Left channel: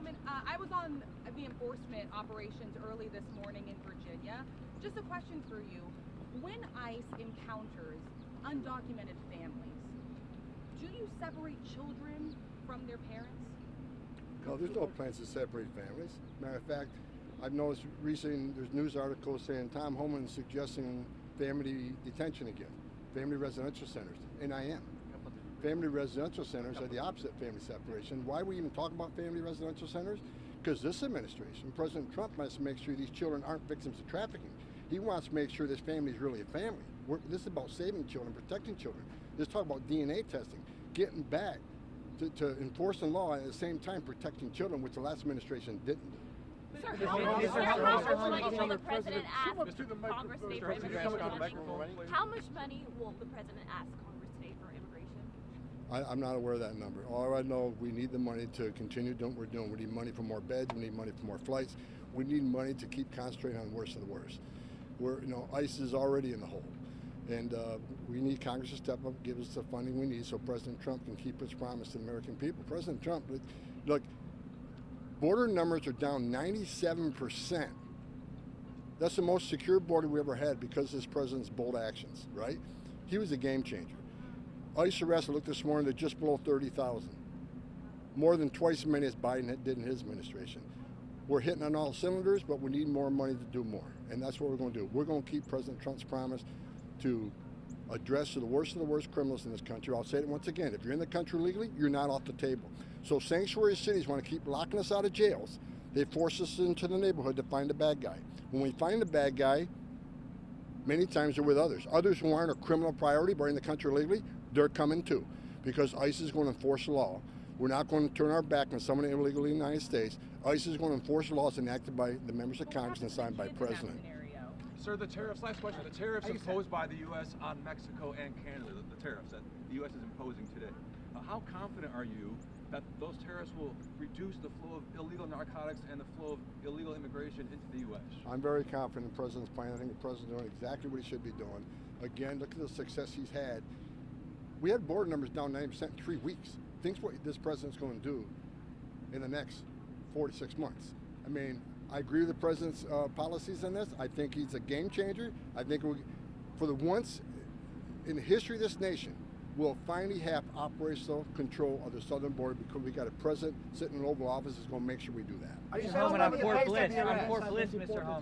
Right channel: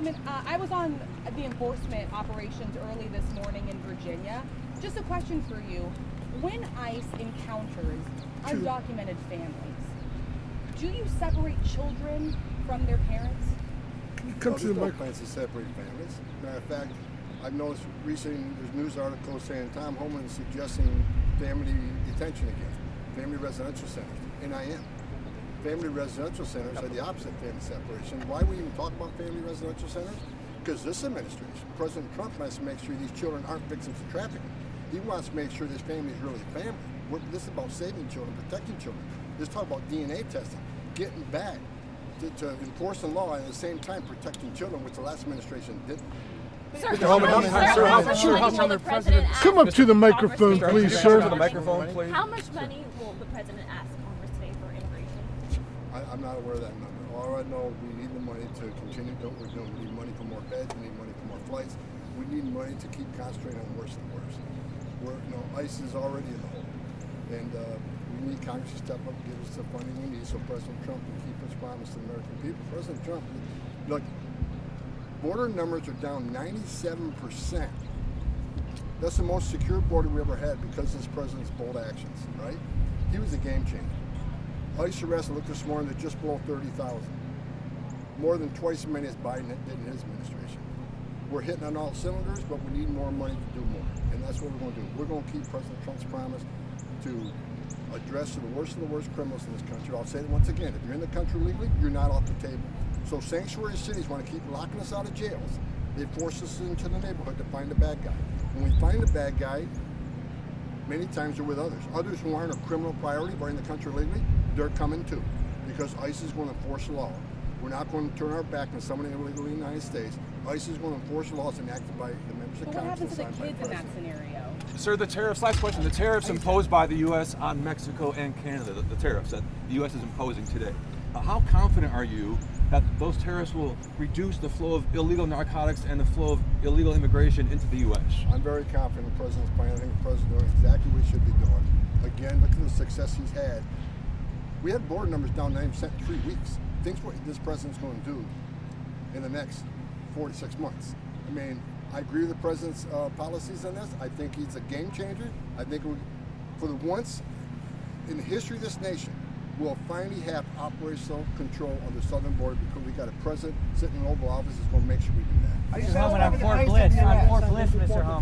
Homan, I was on the enforcement operations early this morning in Virginia. Just a question for you. When ICE encounters undocumented families, do you separate children from their parents? Come to the mic. Plans to separate families. Matter of fact, I've noticed recently there's news articles saying Tom Homan is suggesting family detention again, family residential centers, and I am. Family residential centers are the opposite of family separation. Why we even talk about family residential centers? Because this administration, President Trump, wants to make sure these children aren't victims of trafficking. He wants to make sure this family is really a family. This is about saving children, protecting children. Let's talk about DNA testing, getting back to enforce the law and at the same time protecting children, which the last administration didn't. Come up to the microphone, please, sir. How much money will the president ask Congress today for immigration? I'm not aware of that number. All I know, we need the money to continue doing what we're doing. We need money for more beds. We need money for more flights. We need money to keep concentrating on the worst of the worst. ICE is already in the hole, and we need Congress to step up and give us the funding we need so President Trump can keep his promise to the American people. President Trump, look, border numbers are down 97%. That's the most secure border we ever had because of this president's bold actions, right? He was a game changer. ICE arrests, I looked this morning, they're just below 30,000. More than twice as many as Biden did in his administration. We're hitting on all cylinders, but we need more money to do more. And that's what we're going to do. We're going to keep President Trump's promise to address the worst of the worst criminals in this country. I'll say it once again, if you're in the country legally, you're not off the table. So sanctuary cities want to keep locking us out of jails. They force us into the neighborhood to find the bad guy. When we find the bad guy, many times they're with others. Others who aren't a criminal priority but in the country legally, they're coming too. Because ICE is going to enforce the law. We're not going to turn our back on someone illegally in the United States. ICE is going to enforce laws enacted by the members of Congress and signed by the president. In that scenario? Sir, the tariffs, last question, the tariffs imposed by the U.S. on Mexico and Canada, the tariffs that the U.S. is imposing today, how confident are you that those tariffs will reduce the flow of illegal narcotics and the flow of illegal immigration into the U.S.? I'm very confident in the president's plan. I think the president's doing exactly what he should be doing. Again, look at the success he's had. We had border numbers down 9% in 3 weeks. Think what this president's going to do in the next 4 to 6 months. I mean, I agree with the president's policies on this. I think he's a game changer. I think for the once in the history of this nation, we'll finally have operational control of the southern border because we got a president sitting in the Oval Office that's going to make sure we do that. Mr. Homan, on Fort Bliss, Mr. Homan.